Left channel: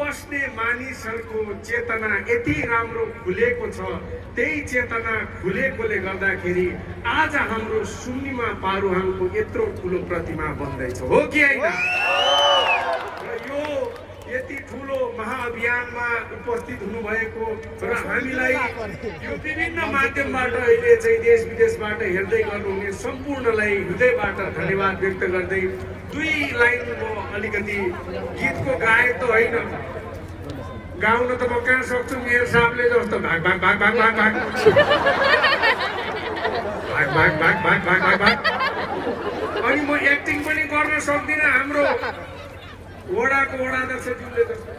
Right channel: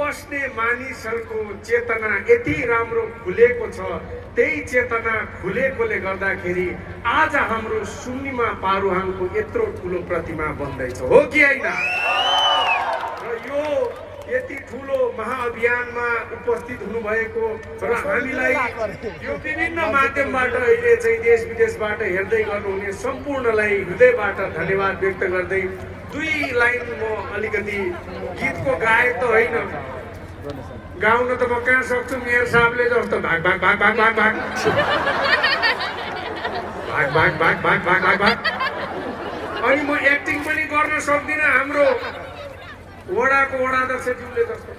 बस्ने मानिसहरूको चेतना यति राम्रो खुलेको छ। त्यही चेतना खुलेकोले गर्दाखेरि आज हाम्रो सुन्निमा पारुहाङको यत्रो ठुलो प्रतिमा बन्दैछ, हो कि होइन? र यो यति ठुलो महाअभियानमा उपस्थित हुनुभएको र हामीलाई यो विभिन्न माध्यमबाट अहिले चाहिँ देश विदेशबाट हेर्दै गर्नुहुने सम्पूर्णलाई हृदयबाट धन्यवाद व्यक्त गर्दै दुई लाइन म अलिकति गीतको गायक त होइन, गाउन त म कहाँ सक्छु, मेयर साहबले जस्तो भाग भाग भाग भाग भाग भाग भाग भाग भाग भाग भाग भाग अनि म एक्टिङ पनि गर्न सक्दिनँ हाम्रो वडाको वडाध्यक्ष जुनले जस्तो।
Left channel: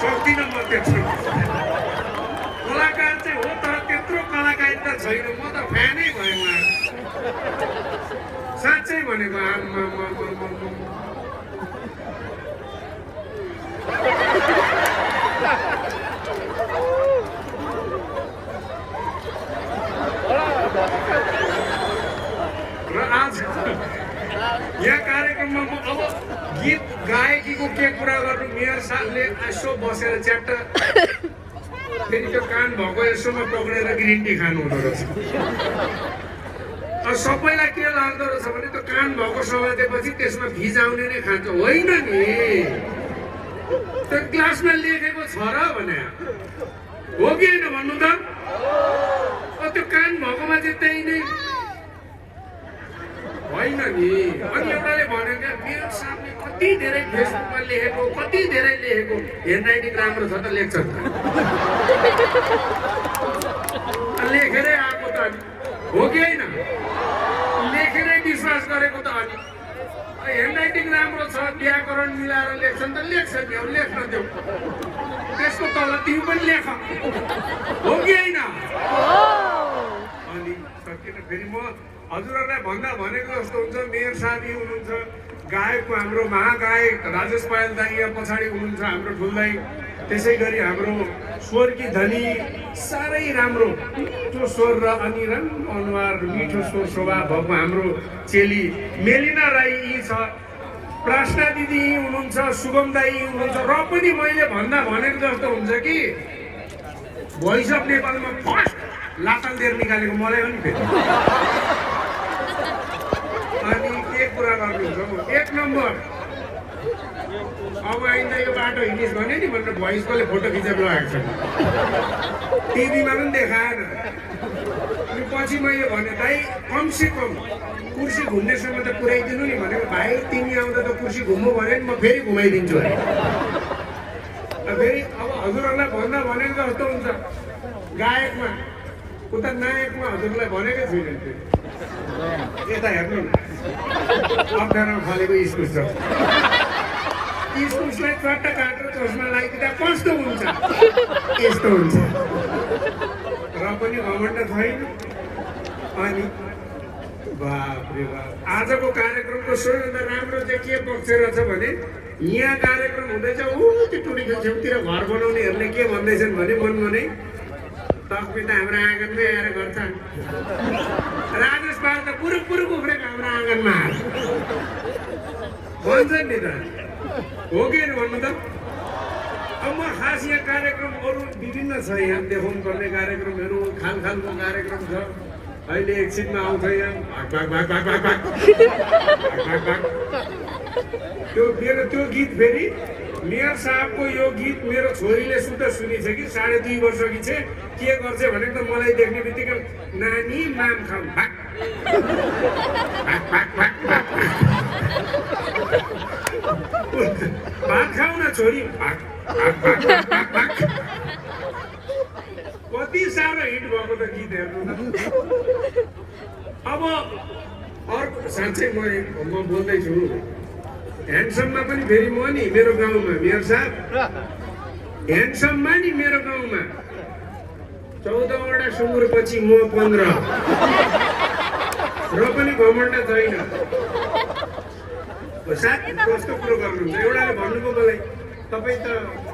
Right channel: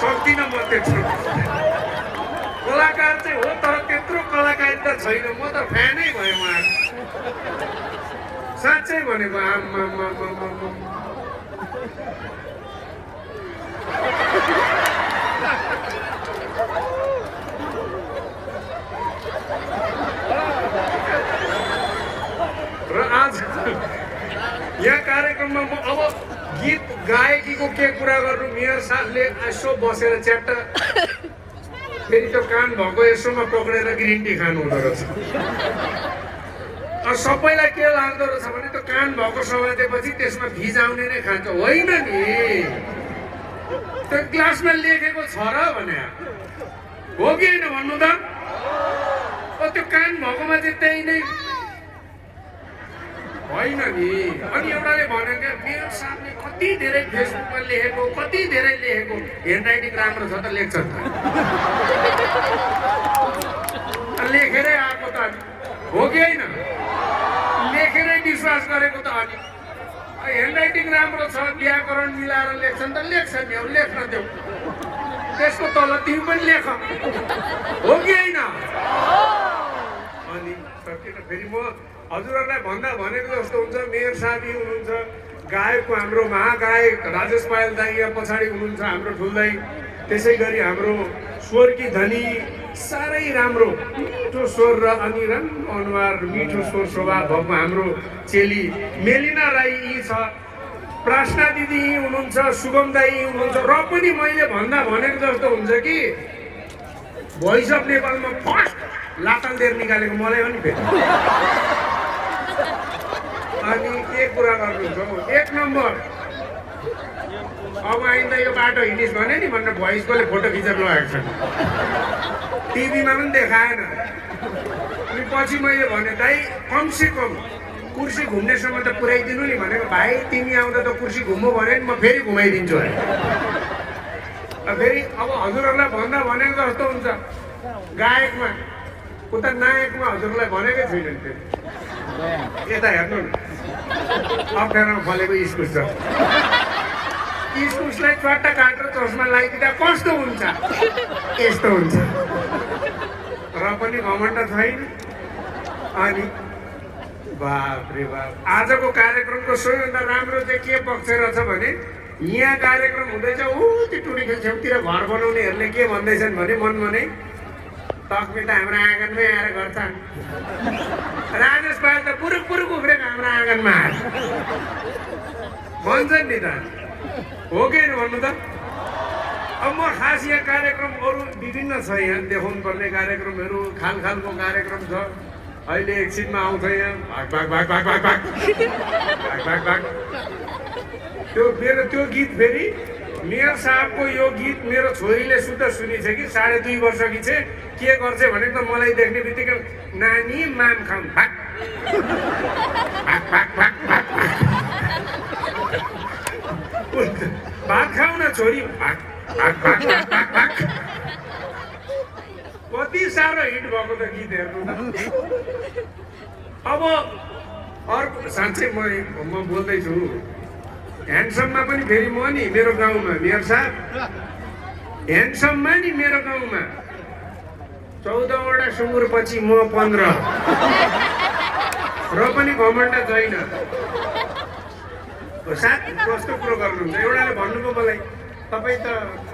सक्दिनँ म त्यस्तो कलाकार चाहिँ हो, तर त्यत्रो कलाकारिता छैन। म त फ्यानै भएँ उहाँ, साँच्चै भनेको। र आज यहाँ कार्यक्रममा म अब गीत गायकीको के कुरा गर्नु, मेयर साहबले यसो बसेर च्याप्ट फेरि त कान भएको यसोमा पक्रेर ग्रिन टी खानु हुँदो रहेछ। सबैलाई के लाग्दो रहेछ भने त कान भएको समातेपछि त्यसमा भिज आउने नै खान्छ, होइन नि? त्यो ग्लासमा लेखेको छ र भने हो कि होइन भन्नु त? त्यो कान भएकोमा चाहिँ त्यही नै होइन नि। अनि एउटाले भनेको मेरो सामने कति धेरै फेसबुकमा लेखेको, कति धेरै लेखेको, ह्यान्डराइटिङ राम्रो छ त लेख्छ, लेखेरै आएको त हो कि होइन? लेखेरै विश्वास गरेको त अनि ह्यान्डराइटिङ राम्रो छ, व्याकरण मिलाएर लेख्छन् त लेख्छ नि, अब लेख्न देऊ, त्यसको तल तिमी पनि लेख, हो कि होइन? अनि सकेन। फेरि म हजुरहरूलाई भन्दा भनेको जस्तो हुन्छ, मेयर साथी हुनुहुन्छ, गायकको हाम्रो महागायक राजेश पायल दाइ यहाँ पछाडि हुनुहुन्छ, हाम्रो ठुल्दै। त्यसै गरी हाम्रो स्वरकी धनी साह्रै राम्रो मिठो स्वर र अनिरन अनुहार, मिठो स्वर स्वभाव भएको हाम्रो चेली मेलिना राई छ, प्रार्थना दिदी हुनुहुन्छ, शुभम दाई हुनुहुन्छ। र पनि मैले भन्दा भनेको जस्तो हुन्छ कि भोइस अफ नेपालमा फर्स्ट लाटालदेर निकालेको मलाई पनि भेट्छ। अनि के कुरा गर्नुहुन्छ, एक नम्बर अब आइन्दा यो बाटो हिँडिस् भने नि भनेर भोइसकोले फोटो खिचेर लगाएको छ, टिभीमा पनि देखाएन। अनि पछि मैले भने दाइ कमसे कम कुर्सी घुम्नेसम्म त पुऱ्याइदिनु नि भनेको। भाइ तिमी आउँदा त कुर्सी घुम्नु भने नि म फेरि घुमाइदिन्छु। फेरि अब हजुरहरूलाई भन्दा भनेको जस्तो हुन्छ, गायकमा उता नायकमा हजुरलाई भनेकै छुइनँ। यता हेर्नु न, अप्ठ्यारोमा फलेको इस्कुस छ, इस्कुसलाई चट्टा काटेर चस्मा लगाइदिँदा कस्तो हुन्छ? यस्तो हुन्छ। र पनि घमण्ड छैन। अनि बाप रे बाप, आजको कार्यक्रमको सबैभन्दा राम्रो चाहिँ के पक्ष रहेछ भने यहाँ कार्यक्रम हुँदैछ, त्यो टुरीको छेउतिर घर बनाउनेहरूले के भन्दैछन् भने मनमा नै तकबिर त हाम्रो आँगनमै आएर गर्छ, राजेश पाल त पुरुक पुरुक उफ्रेको हाम्रो आँगनमा आएर भन्छन् नि त, हो कि भन्नु त? अब म खास यहाँ कार्यक्रम अरू विभिन्न छ, यहाँ देखाउनु पर्ने कार्यक्रमहरू खाल खालको कार्यक्रम छ। अहिले एकछिनमा आउँछ यहाँ भाग भाग भाग भाग भाग भाग भाग। त्यो गीत फेरि मेयर साहबको यो गीत मेरो छोरीले सुन्दा सुनिछ कि 2.5 वर्षकी छ, के गर्छ भने त मलाई देख्ने बित्तिकै नानी मान खान भाग भात खाऊ न छोरी, भाग कति साह्रो हिट भएको त गीत हेर्नु। अब अर्को साँच्चै म बोल्दैछु, ह्यान्डसममा पनि फेरि म नि मेरो गाउँमा मेयर साहब ह्यान्डसममा नि मेरो गाउँमा 14वटा सुँगुरपछि म 15, र पनि घमण्ड छैन। साथी कस्तो कुरो गर्नुहुन्छ, एउटाले भन्नुभयो मलाई, तपाईँ त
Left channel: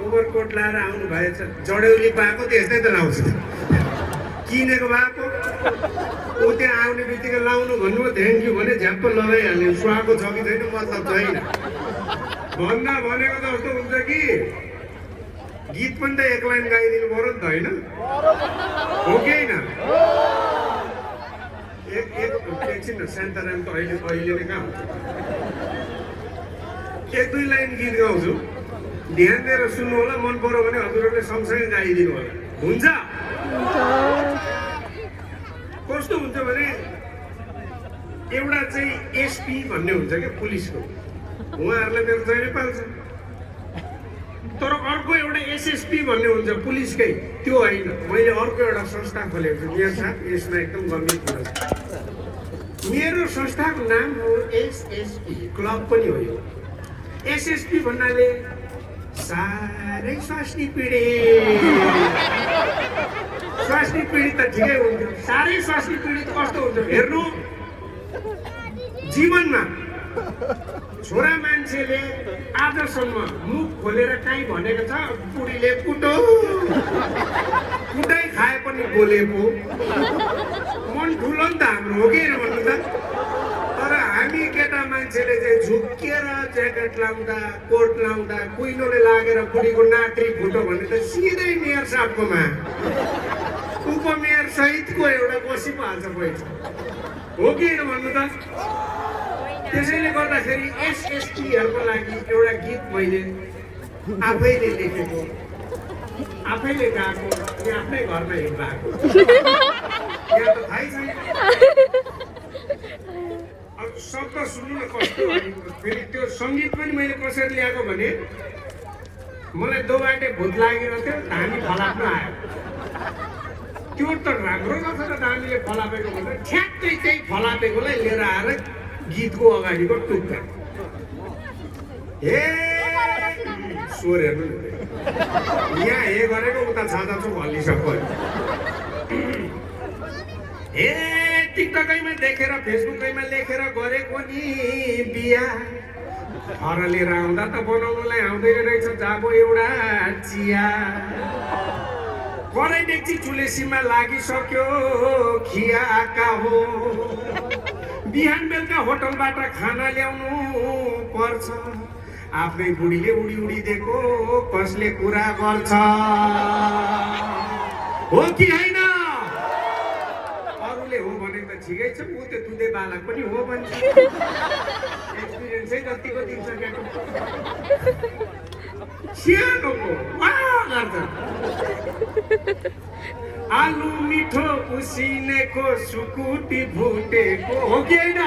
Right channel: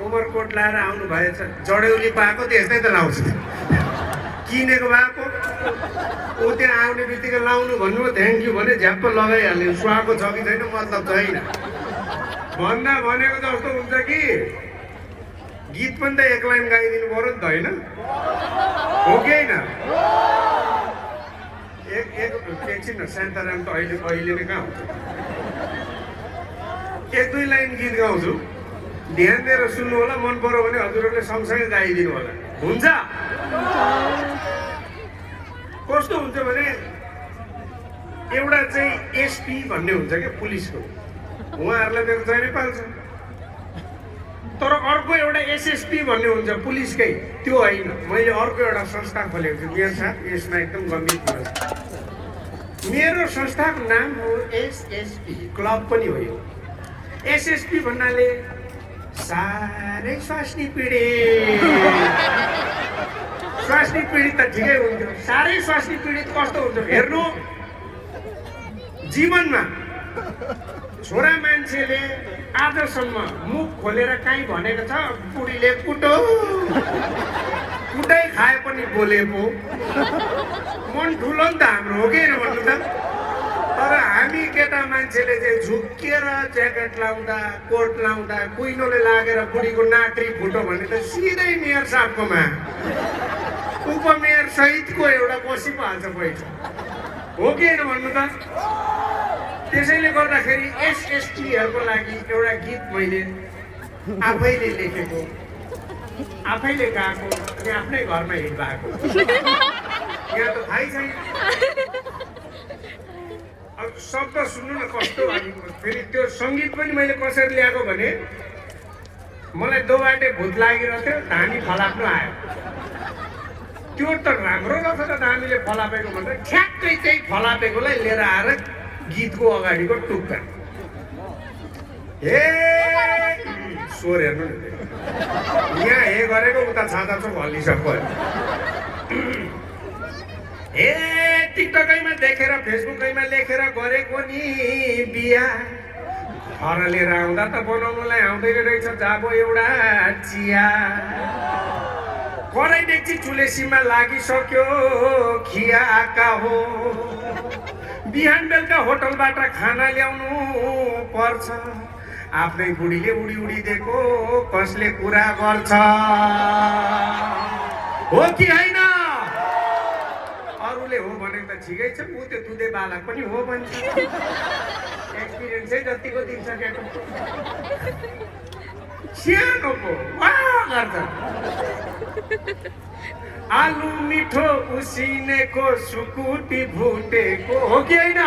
ओभरकोट लाएर आउनु भएछ, जडेउली पाएको त्यस्तै त लाउँछ। किनेको भएको ऊ त्यहाँ आउने बित्तिकै लाउनु भन्नु थ्याङ्क यू भने झ्याप्प लगाइहाल्यो सुहाएको छ कि छैन मतलब छैन भन्दा भनेको जस्तो हुन्छ कि गीत पनि त एक लाइन गाइदिनु पर्यो नि त होइन हो कि होइन एकछिन सान्ताराम त अहिले नै कहाँ हुन्छ एक दुई लाइन गीत गाउँछु ध्यान दिएर सुन्नु होला मन पर्यो भने हजुरहरूले सँगसँगै गाइदिनु होला हुन्छ कस्तो हुन्छ भने एउटा चाहिँ एसपी भन्ने हुन्छ क्या पुलिसको उहाँहरूलाई मेरो चाहिँ पाल्छ तर अर्को एउटा एसएसपी भन्ने हुन्छ पुलिसकै त्यो होइन मैले अर्को एउटा संस्था खोलेको छु मेरो साथ यसमा एकदम गम्भीर कुरा मेरो संस्थाको नाम हो एसएसपी क्लब पनि हो एसएसपी भन्नाले साह्रै स्वास्नी पीडित त ठिकै हुन्छ साह्रै स्वास्नी पीडित कस्तो हुन्छ हेर्नु जीवनमा छोरा मान्छेले आजसम्म मुख खोलेर काहीँ भनेको छ बुढीले कुटै खाए पनि बोलेको मन ठुलो नि त हाम्रो हो कि भन्नु त तर हामी केटा मान्छेले चाहिँ झुक्किएर ज्याकेट लाउँदा कोट लाउँदा कुइलोले लागेर बुढीको नाक्री फुटो भने त सिधै मेयर साहबकोमा उपमेयर सहितको एउटा बसी पो हाल्छ पैसा हो कि भन्नु त त्यसैले गर्दाखेरि एसएसटीहरूको लागि एउटा गीत मैले आफैले लेखेको आफैले गाएको अनि आफ्नै घरमा हेर्दाएको थाहै छैन शब्द सुन्नु न कस्तो फेरि त्यो सङ्गीत पनि मैले कसरी ल्याएको भने मलाई दोबाटे भूत लागेर थियो धामी फलाप्न आयो त्यो त राम्रो रहेछ त धामीले फलापेको भन्दा ठ्याक्कै त्यही फलापेकोलाई लिएर आएर गीतको अगाडिको टुक्का स्वर हेर्नु यहाँ हे गरेको उता छाता छ भनिसक्यो टिकटकैमा देखेर फेसबुकैमा लेखेर गरेको नि बिहा घर लिएर आउँदा त बनाउनुलाई आउँदैन रहेछ जाबो एउटा चिया कराई डेक्ची चुलेसीमा लागिसक्यो खियाका हो बिहान बेलुका होटलबाट खाना ल्याउनु पर्छ आफ्नै बुढीले उडी उडी दिएको कसले कुरा गर्छ हो कि होइन अरूले हो भने त ठिकै छ ऊ त्यो दुधे बालक पनि हो भने एक्सपिरियन्सै जतिको दिनसकेको सानोको गर्छ आलु मिठो उसिनेको सुकुटी भुटेको हो कि होइन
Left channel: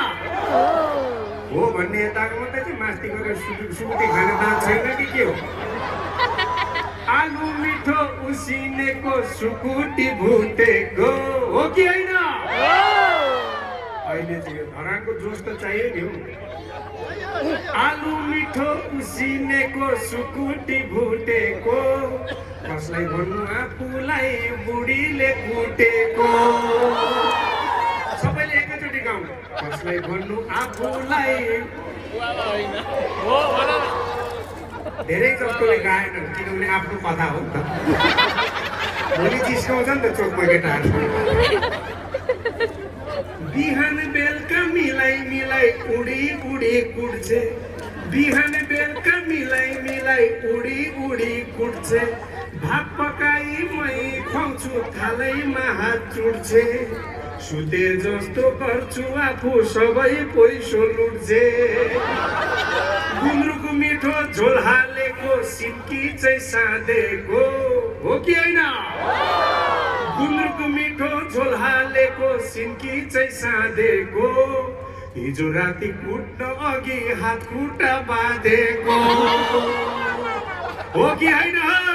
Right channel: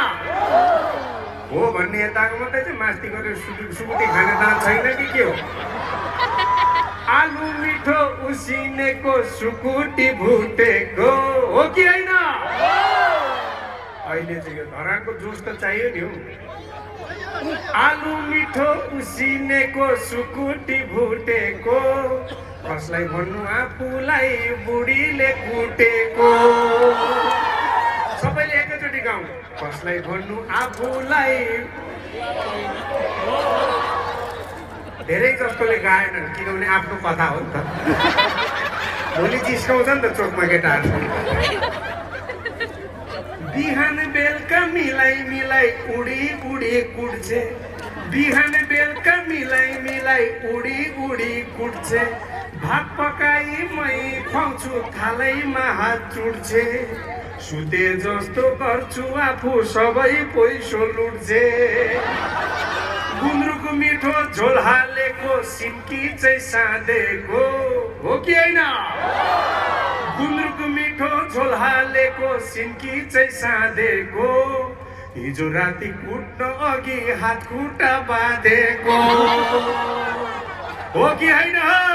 हो भन्ने यताको मात्रै चाहिँ मास्ती गरेर सुकुटी खाने दाल छैन कि के हो आलु मिठो उसिनेको सुकुटी भुटेको हो कि होइन अहिले चाहिँ यो धरानको जोस त चाहियो नि हौ आलु मिठो उसिनेको सुकुटी भुटेको कसलाई भन्नु आफूलाई बुढीले कुटेको सबैले एकैचोटि गाउँ कसलाई भन्नु आफूलाई धेरै जस्तोले गाएनन् किनभने आफ्नो कथा हो नि त भोलि जिस्काउँछ नि त चोकमा केटाहरू बिहान बेलुका मिलाई मिलाई उडी उडी कुट्छे बिहान बेलुका मिलाई मिलाई उडी उडी कुट्छे भात पकाई मै खुवाउँछु थालैमा हात चुड्छे सुते जस्तो गर्छु आफू सबै पैसो लुट्छे गुन्द्रुकको मिठो झोल हालेको सिन्की चाहिँ साँधेको हो कि होइन गुन्द्रुकको मिठो झोल हालेको सिन्की चाहिँ साँधेको हिजो राति कुट्न अघि हात खुट्टा बाँधेको हो कि होइन